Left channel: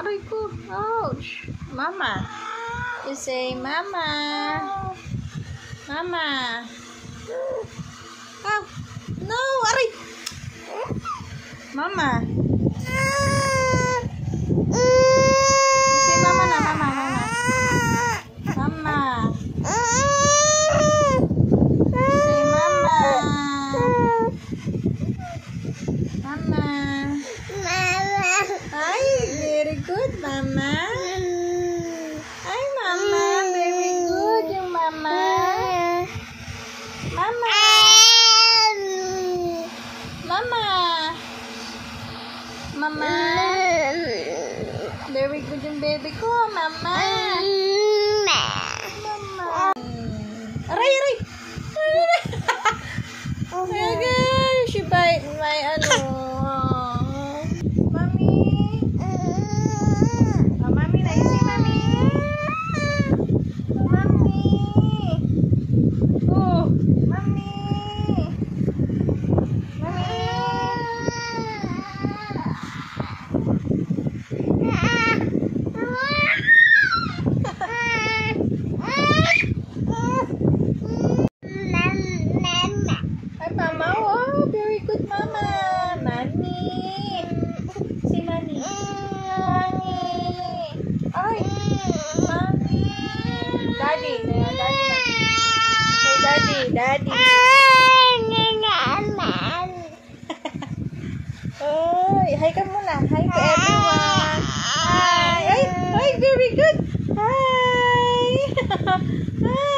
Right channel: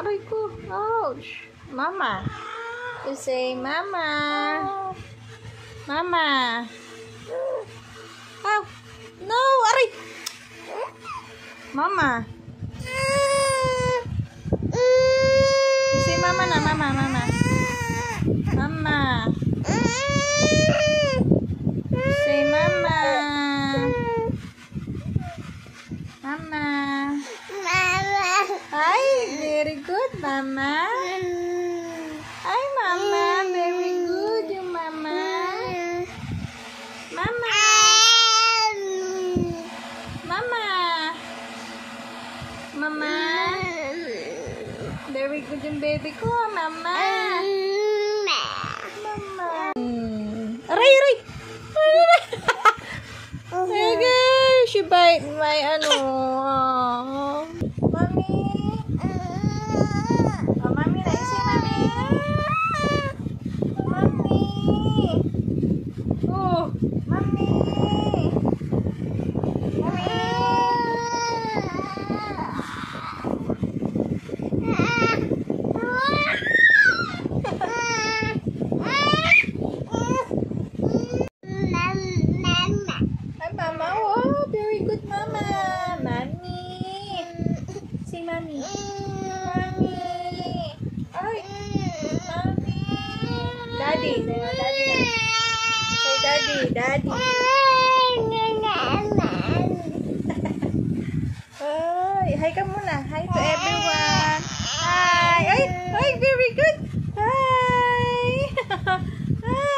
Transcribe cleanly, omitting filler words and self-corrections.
Aray ko. Ouch. Mama. You say, Mama. Mama. Oh. No. Aray. Mama. You say, Mama na. Mama. Mama. Mama. Say, Mama. Mama. Hi, very good, Mama. Hi, Mama. Very good, yung Mama. Mama. Mama. Mama. Very good yung baby ko, Mama. Mama. Aray, aray. Okay, she bite my Mommy. Oh, Mommy na. You say, Mommy. Mommy. Oh, Mommy. Mommy. Hi, Mama. Oh, very good, Mama. Mommy. Say, Mommy. Mommy. Ay. Mommy. Daddy. Daddy. Say, Daddy. Daddy. Ay, hi ka muna. Hi to everyone. Hi. Ay, very good. Hi. Hi.